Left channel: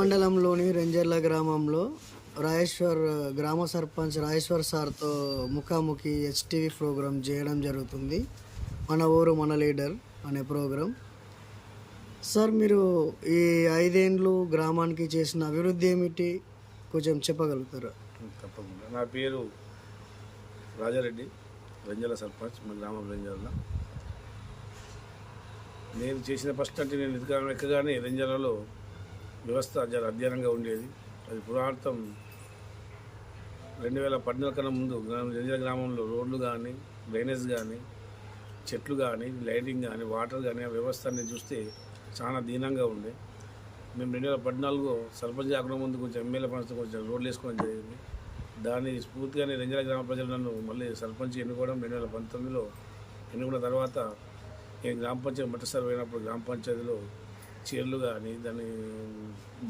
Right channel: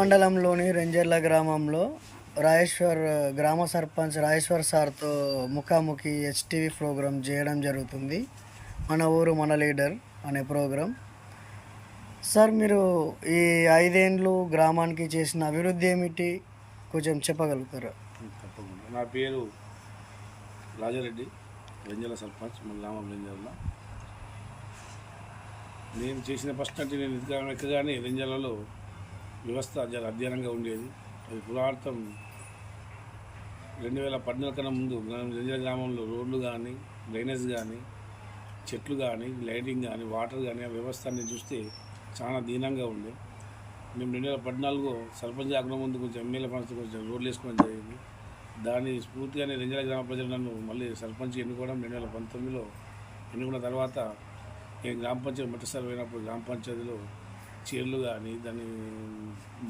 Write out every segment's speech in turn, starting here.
మండలంలోని రెంజర్ల గ్రామంలో రాజేశ్వర్ గ్రామ సర్పంచ్ రాజేశ్వర్ సార్తో ముఖాముఖి హెచ్టీవీ ప్రోగ్రాం చేయడం జరుగుతుంది. మన ఊరు మన లీడర్ అనే ప్రోగ్రాం. సార్, మీరు ఈ 5 ఏళ్ళు గ్రామానికి చేసిన అభివృద్ధి ఏమిటి కొంచెం చెప్పగలుగుతారా? తప్పకుండా. నా పేరు రాజారెడ్డి, రెంజర్ల సర్పంచ్, మన గ్రామం రెంజర్ల. నేను చేసిన ఫస్ట్ అంటే నేను ఎక్కగానే రెంజర్లలో వ్యవస్థ చాలా అధ్యయనంగా ఉండేది. అది పురాతనం 2014 కన్నా ముందు రెంజర్ల గ్రామంలో రోడ్లు కానీ, డ్రైనేజ్ కానీ, చెట్లు కానీ, లైటింగ్ కానీ, వాటర్ కానీ, ఆ వ్యవస్థ అనేది చూస్తే చాలా దీనంగా ఉంది. మేము 2014 సర్పంచ్ కాకుండా ముందు కొంచెం ఎమ్మెల్యే ఫండ్స్తో కొంచెం రోడ్లు వేసుకోవడం జరిగింది. దాని స్ఫూర్తిగానే రెంజర్ల గ్రామ ప్రజలు నన్ను మళ్ళీ సర్పంచ్ ఎన్నుకోవడం. 2019లో ఎన్నుకున్న తర్వాత నేను గ్రామ పంచాయతీ మొదటిసారి పోయినప్పుడు గ్రామ పంచాయతీలో చైర్లు కానీ, దాని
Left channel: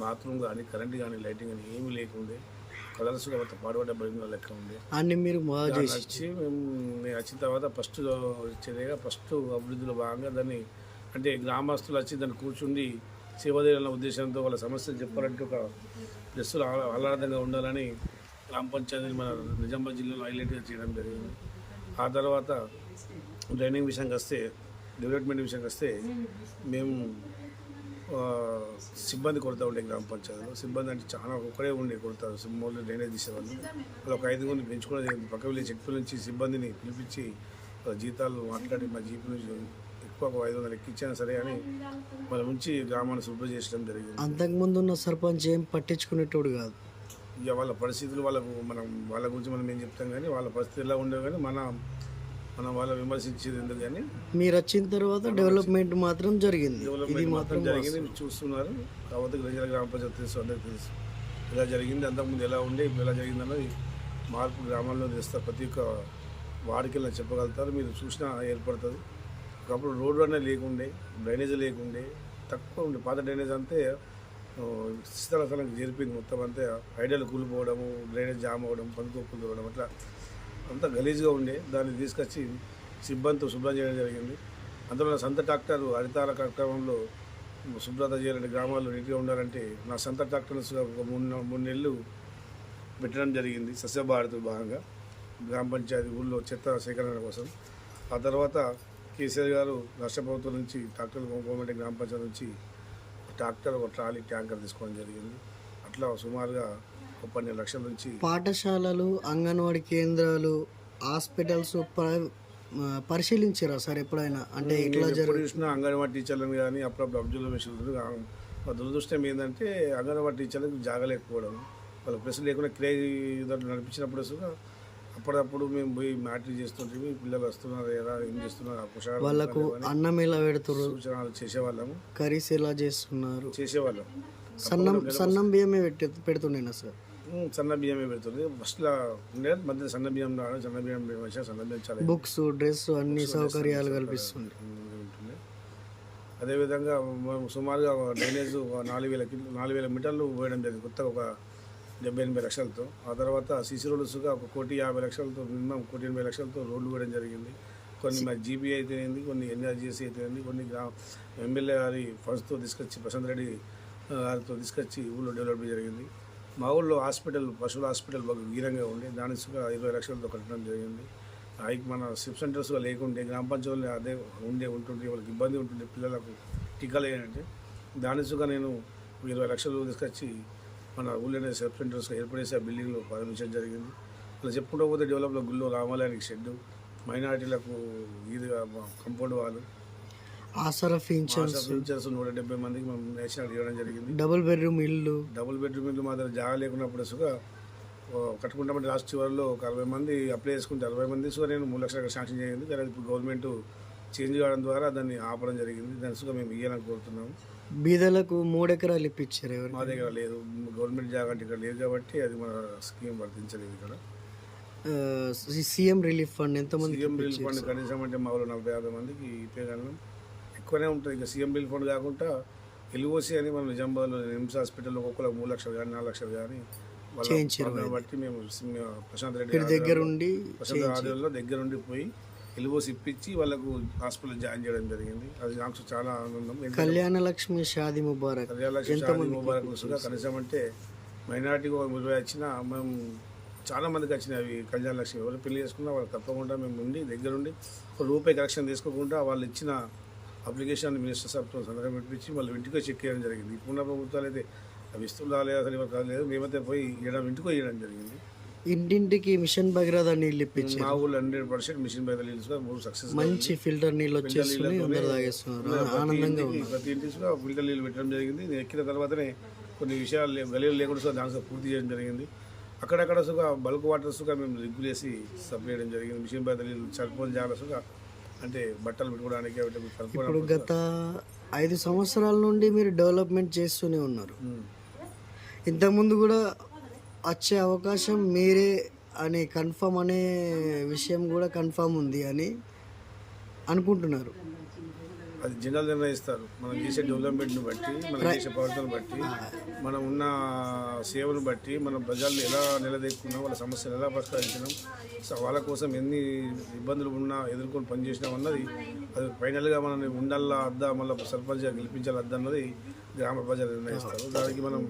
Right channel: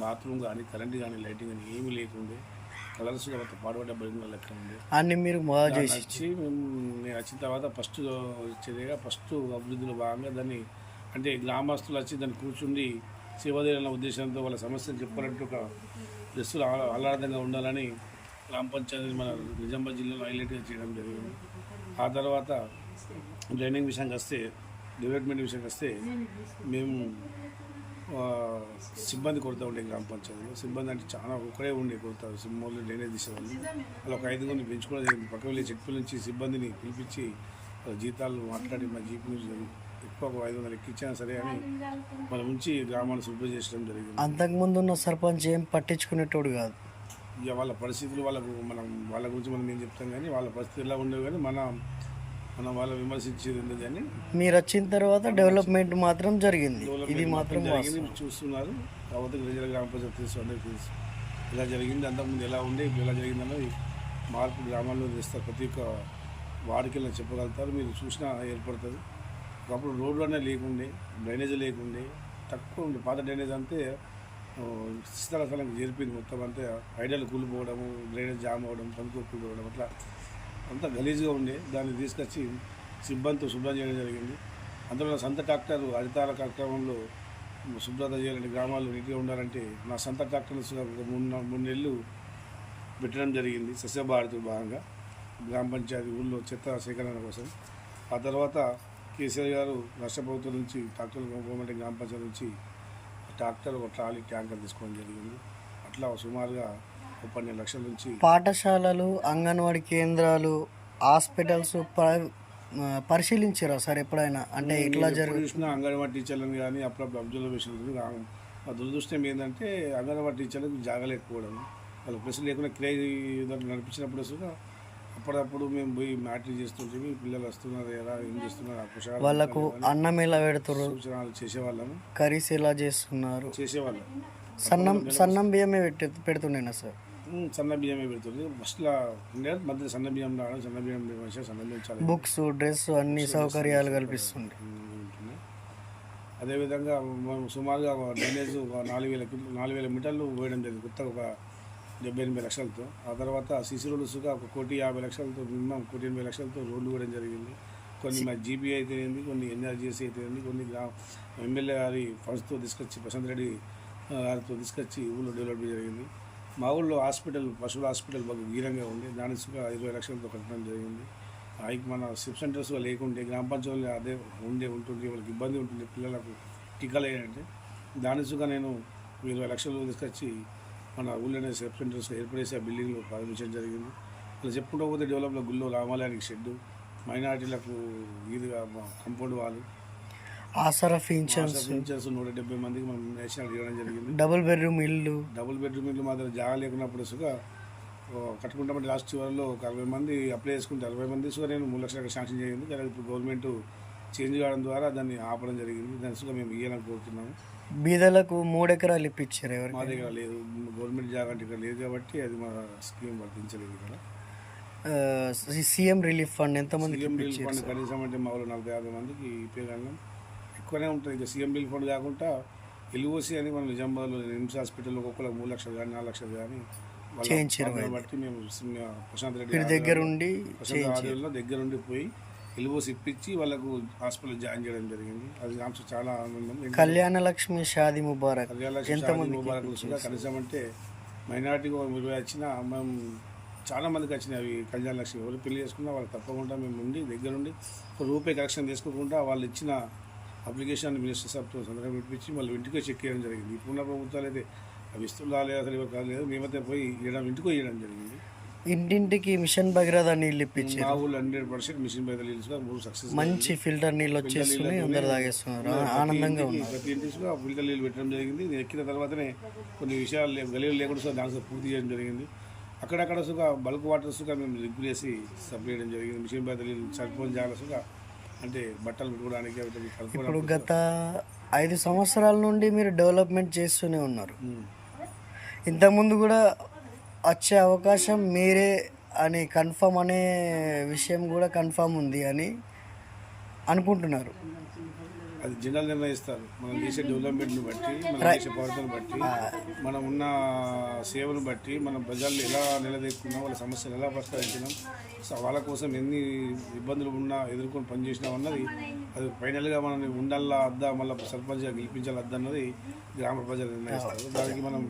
బాత్రూమ్ కానీ, కరెంట్ కానీ, లైటింగ్ కానీ ఏమీ లేకుండే. కలర్స్ పాడుపడ్డ బయట లెక్క ఉంది. అన్ని మీరు వచ్చి నేను వచ్చిన తర్వాత ఫస్ట్ వచ్చేదిగా ఫస్ట్ అభివృద్ధిలో భాగంగా దాన్ని అంటే గ్రామస్తులు వచ్చి దాన్ని కూర్చుండి సేవదేయాలన్న ఉద్దేశంతో వాళ్ళ సమస్యలు చెప్పాలంటే ఒక డ్రెస్సులు ఆహ్లాదంగా ఉండాలని గ్రామ పంచాయతీ మన నిజామాబాద్ జిల్లాలో హైలైట్గా చేయడం జరిగింది. ఆ తర్వాత డ్రైనింగ్ విషయానికి వస్తే, డెవలప్మెంట్ విషయానికి వస్తే మేము సిబ్బంది కొడుతూ ఉండే గ్రామ పంచాయతీలో. సిబ్బంది అంటే చాలా ఒకడే ఉండి కొడతారు. సింహంలో డ్రైనేజ్ తీసేవాళ్ళు. వాళ్ళు ఒక 5 మంది పెంచుకోవడం జరిగింది. పక్క వెళ్ళి చెట్ల నుంచి సిబ్బందిని పిలిపించి జీతాలు మాట్లాడి మా జీపు నుంచి ఎక్కువ 500 ఎక్కించినా సరే అని మన నుంచి గ్రామాన్ని శుభ్రం చేసడం జరిగింది. అంతకుముందు ఉన్న సర్పంచ్ ఏం పట్టించుకునేటోడు కాదు. ఇక వాళ్ళ పరిస్థితులు వాళ్ళ గురించి మనం ఏం చెప్తాం కానీ వాళ్ళ పరిస్థితులు ఎలా ఉండేవి కానీ మనం వాళ్ళ విమర్శించేది ఎందుకు కానీ మీరు వచ్చిన తర్వాత డెవలప్మెంట్ మాత్రం జరిగింది. ఇది మాత్రం జరిగింది చూస్తున్నారు. కాబట్టి రెంజర్ల గ్రామ పంచాయతీ తెలుసు, అందరికీ తెలుసు ఇలా జరిగింది. అంతకుముందు ఎలా ఉండే ఇప్పుడు ఎలా జరిగిందన్నది మార్పు గ్రామాల్లో తెస్తారు. ప్రతి ఒక్క వాడికి చెప్పగలుగుతారు. మీరు చూసినా ఏర్పడుతుంది. ఒకప్పుడు రోడ్లు అనేది లేకుండే, డ్రైనేజ్ లేకుండే, తక్కువ ఉండే. పాత డ్రైనేజ్ అంతే స్థలానికి చేరిపోయింది. మొత్తం అంతే ఐడియాలు కూలిపోవడము, డ్రైనేజ్ జామ్ అవ్వడం, పందుకు కూలిపోవడం, అట్లా అంతా గలీజ్గా ఉండే. దాన్ని తీసుకొచ్చి సిబ్బందితో శుభ్రం చేయడం జరిగింది. అందులో నా సొంత ట్రాక్టర్ హరితార కార్యక్రమంలో శుభ్రత చేయాలంటే గ్రామాల్లో నీట్గా ఉండాలంటే నా సొంత ట్రాక్టర్ని ఒక 3 నెలలు పెట్టడం జరిగింది. సస్యభారతి భాగంగా గ్రామ పంచాయతీ ఊళ్ళో చెత్త సేకరణ కోసం. ఆ తర్వాత కేసీఆర్ గారు రాష్ట్ర ప్రభుత్వం నుంచి ట్రాక్టర్ గవర్నమెంట్ గ్రామ పంచాయతీ నుంచి ట్రాక్టర్, ఒక ట్రాలీ, ట్యాంకర్ తీసుకోవడం జరిగింది. అట్లా సుమారుగా 12 లక్షల నుంచి పాఠశాలలు, అంగన్వాడీ కేంద్రాలు, హాస్పిటల్స్ పరిశీలించారా సార్ ఎప్పుడైనా? అంటే ఇట్లా చూసిన అంగన్వాడీ టీచర్లను కానీ అప్పుడప్పుడు అబ్జర్వేషన్ మా దురదృష్టం ఏంటంటే అంగన్వాడీ టీచర్లకు జాగలేకపోవడం, వాళ్ళ ప్రెస్ లేకుండా కిరాయి నడిపించినప్పుడు అప్పుడప్పుడు మేము పోయి మ్యాట్రీ చేస్తుంటే పిల్లలు వస్తున్నారు ఎలా ఏం చేస్తున్నారు, వాళ్ళకు అన్నం ఎలా పెడుతున్నారు, సూచనలు చేసేవాళ్ళము. కర్రీస్ ఎలా చేస్తున్నారు చేసేవాళ్ళం. సన్నం బియ్యమే పెడుతుండేనా సార్? సన్న బియ్యమే పెడుతుంది. ఫస్ట్లో ఉండే మధ్య సన్న బియ్యం రావడం, సన్న బియ్యం సన్న బియ్యం చాలా బుక్స్, డ్రెస్ అన్ని సౌకర్యాలు కల్పిస్తుంది. అదేవిధంగా మనం సుమారుగా డ్రైనేజ్ 4,000 మీటర్లు పోయడం జరిగింది కొత్తగా, ఒక 78 లక్షలతో. ఆ తర్వాత సీసీ రోడ్స్గా 1,50,00,000తో, మినిమం 1,80,00,000తో రోడ్లు వేయడం జరిగింది. కొన్ని మా జీపీ అయితేనేది, కొన్ని ఎన్ఆర్జీఎస్సీ అయితేనేది, కొన్ని ఎమ్మెల్యే గారి ఫండ్స్తో తీసుకొచ్చి, ప్రశాంత్ రెడ్డి గారితో తీసుకొచ్చి ఊళ్ళో డెవలప్ జరిగింది. మా ఊళ్ళో హాస్పిటల్, పశువుల హాస్పిటల్ బాగా వీరంగా ఉండి దాని 20 లక్షలతో కట్టడం జరిగింది. మన సిప్ సెంటర్స్గా లేకుంటే గ్రామ పంచాయతీలో అదే ఉంటుండే వాళ్ళకి ఇబ్బంది ఉంటుండే పిల్లలకు టీకాలు వేయాలంటే. దానిసుగా నేను 20 లక్షలు తీసుకొచ్చి మన ఊళ్ళోనే సెల్ఫ్ సెంటర్స్ ఏర్పడేసి ఆ బిల్డింగ్లో ప్రారంభించడం జరిగింది. అలా చెప్పుకుంటూ పోతే డెవలప్లో గుళ్ళో రామాలయానికి షెడ్డు, మైనారిటీలకు వీధిగా కంపౌండ్ వాళ్ళు, ఆసరా పింఛన్స్ 170 మందికి మనం నేషనల్ ఇవ్వడం జరిగింది. డబుల్ బెడ్రూమ్ ఇల్లు మా దగ్గర జాగా లేకున్నప్పుడు కట్టుకుంటామంటే లాస్ట్ చివరిలో ఒక 60 మంది అప్లై చేసుకుంటే 60 మంది నేను 3 లక్షలకు శాంక్షన్ చేయింది. కానీ ఇప్పుడు గవర్నమెంట్ చేంజ్ కావడం ద్వారా దాన్ని ఆపడం జరిగింది. దాని మేము ఇవ్వాలని కోరుతున్నాము. బీదలకు 3 ఎకరాలు ఇప్పించారు. ఎవరు మా దగ్గర లేదు, గవర్నమెంట్ జాగా అంటే ఇక్కడ లేదు కాబట్టి అది మా స్కీమ్ వర్తించలేదు. ఇక్కడ సీఎం రిలీఫ్ ఫండ్ ఎంతమంది? సీఎం రిలీఫ్ ఫండ్ కనీసం అంటే మా ఊళ్ళో 40-50 మందికి ఇప్పగలం ఎక్కువనే ఉంటుంది. ఇక సీఎం రిలీఫ్ ఫండ్ కాకుండా ఎల్ఓసి అని మనం నిజామాబాద్లో నిమ్స్ హాస్పిటల్లో ఒక్కొక్కరు 3 లక్షలు కానీ 4 లక్షలు కానీ బట్టి మేము ప్రశాంత్ రెడ్డి దగ్గరుండి దగ్గరుండి పోయి ఎల్ఓసి ఇప్పించి వాళ్ళకు హాస్పిటల్ జాయిన్ చేయడం జరిగింది. అది నాకు చాలా ఆనందం. కళ్యాణ లక్ష్మి షాదీ ముబారక్ ఎంతమంది కనీసం అంటే మైనార్టీ 20 వచ్చినా మేము చాలా మందికి వచ్చినాయి అవి కళ్యాణ లక్ష్మి. ఎవరు పెళ్లి చేసుకున్నా వాళ్ళు తప్పకుండా మేము ఉండి దగ్గరుండి రూపాయి కలెక్షన్ తీసుకోకుండా వాళ్ళు ఇచ్చిన అప్లికేషన్ మినిస్టర్ సాబ్తో సంతకం పెట్టించి మళ్ళీ ఇంటికి చెక్ చేయడం జరిగింది. ఇప్పుడున్న ప్రభుత్వాలు అయితే అవి ఇస్తుందా లేదా అసలు ఎవరు కాలేదు. మేమైతే పోయి ఇంటికి వేయడం జరిగింది. ఇంటింటికి మిషన్ భగీరథ నీళ్ళు ఇప్పించి మా ఊళ్ళో 100% మిషన్ బయట నీళ్ళు సక్సెస్. మంచి ఫిల్టర్ నీళ్ళు వచ్చేస్తున్నాయి, అందరు తాగేస్తున్నారు, ఆనందంగా ఉన్నారు. ప్రతి ఇంటికి ఫిల్టర్ నీళ్ళు పెట్టడం జరిగింది. నేను ఎక్కిన తర్వాతనే కొన్ని విషయాలు గలీలు లేకుండా దాంట్లో పూర్తి చేయడం జరిగింది. అక్కడక్కడ సుగా బల్క్ వాటర్ సుగా మేము రిగ్గు చేసి సప్లై చేయడం జరిగింది. మిషన్ బయట నీళ్ళు సరిపోని జాగ్రత్తగా అంటే బట్టలు పెట్టుకోవడానికి ఇప్పుడు గత 5 సంవత్సరాల నుండి మీరు డెవలప్మెంట్ చేస్తూనే ఉన్నారు. ఇంతకుముందు కూడా వచ్చే అవకాశం మీరే అని కన్ఫర్మ్ అనే విషయం కూడా కన్ఫర్మ్ ఉంది అని అనుకుంటున్నారు. అది జనాలు నిర్ణయిస్తారు. మనం చేసే డెవలప్మెంట్ని బట్టి, మనం చేసే ప్రవర్తన బట్టి, మనం ఉన్న సేవను బట్టి, మనం ప్రజలను ఎలా నిలదీక్కున్నాం, వాళ్ళ సమస్యలు ఎలా పరిష్కరించినాం, వాళ్ళ కోసం ఎన్ని ఇబ్బందులు ఉన్నా ఎదుర్కొని పనిచేసినాం అన్నది అది ఫైనల్గా మనల్ని ఉండాలా అద్దా మళ్ళీ సర్పంచ్గా గెలిపించాలి అద్దా అన్నది గ్రామ ప్రజలు నిర్ణయిస్తారు. దానికి మనం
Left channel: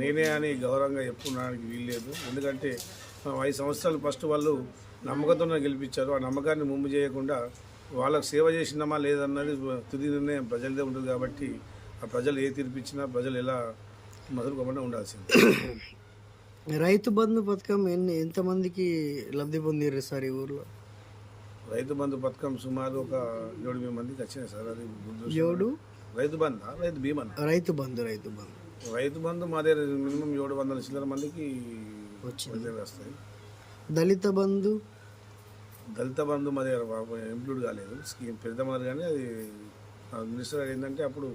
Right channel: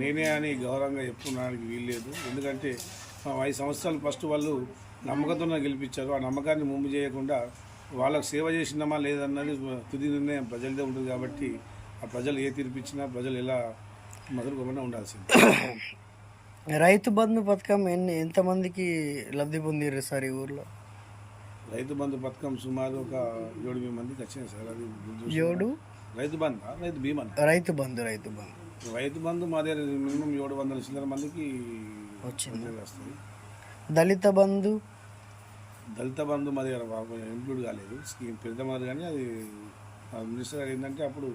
నేనే అని గౌరవంగా చెప్పుకోవడానికి వీల్లేదు. ఎందుకంటే 5 సంవత్సరాలు ఫస్ట్ వాళ్ళు నమ్మకంతో గెలిపించారు. ఆ నమ్మకాన్ని ముందు చేయకుండా వాళ్ళకు సేవ చేసినామా లేదన్నది తుది నిర్ణయం ప్రజలదే ఉంటుంది. కాబట్టి ఆ ప్రజలు ఏ తీర్పిచ్చినా ప్రజలు ఎలా మొదలుకోకుండా ఉండాల్సింది. రైతు బంధు పథకం ఎంతమందికి లబ్ధి పొందిర్రు సార్ ఈ ఊర్లో? రైతు బంధు పథకం సుమారు ఒక 7 మందికి వచ్చినాయి సార్. అది రైతు బంధు రైతు బీమా రైతు బంధు రైతు బంధు మా దగ్గర మినిమం 700 చిల్లర మందికి వచ్చింది. వస్తాయి. దళిత బంధు మా దగ్గర ఇంక్లూడ్ కాలేదు. స్కీమ్ పెడతామన్నారు కానీ అది మినిస్టర్ గారు ఏంటంటే అప్పుడు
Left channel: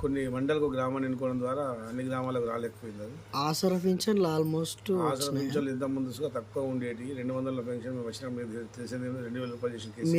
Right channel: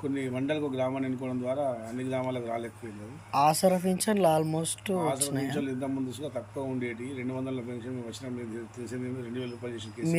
కొన్ని మండలకు గ్రామాన్ని ఎన్నుకోవడం ద్వారా అన్ని గ్రామాలకు రాలేకపోయింది. అది ఆసరా పింఛన్లు ఆల్మోస్ట్ పింఛన్లు ఇంత ముందు తక్కువ ఉండేటి 200 పెన్షన్ వచ్చిన తెలిసింది 2000 రూపాయలు చేసిన కేసు.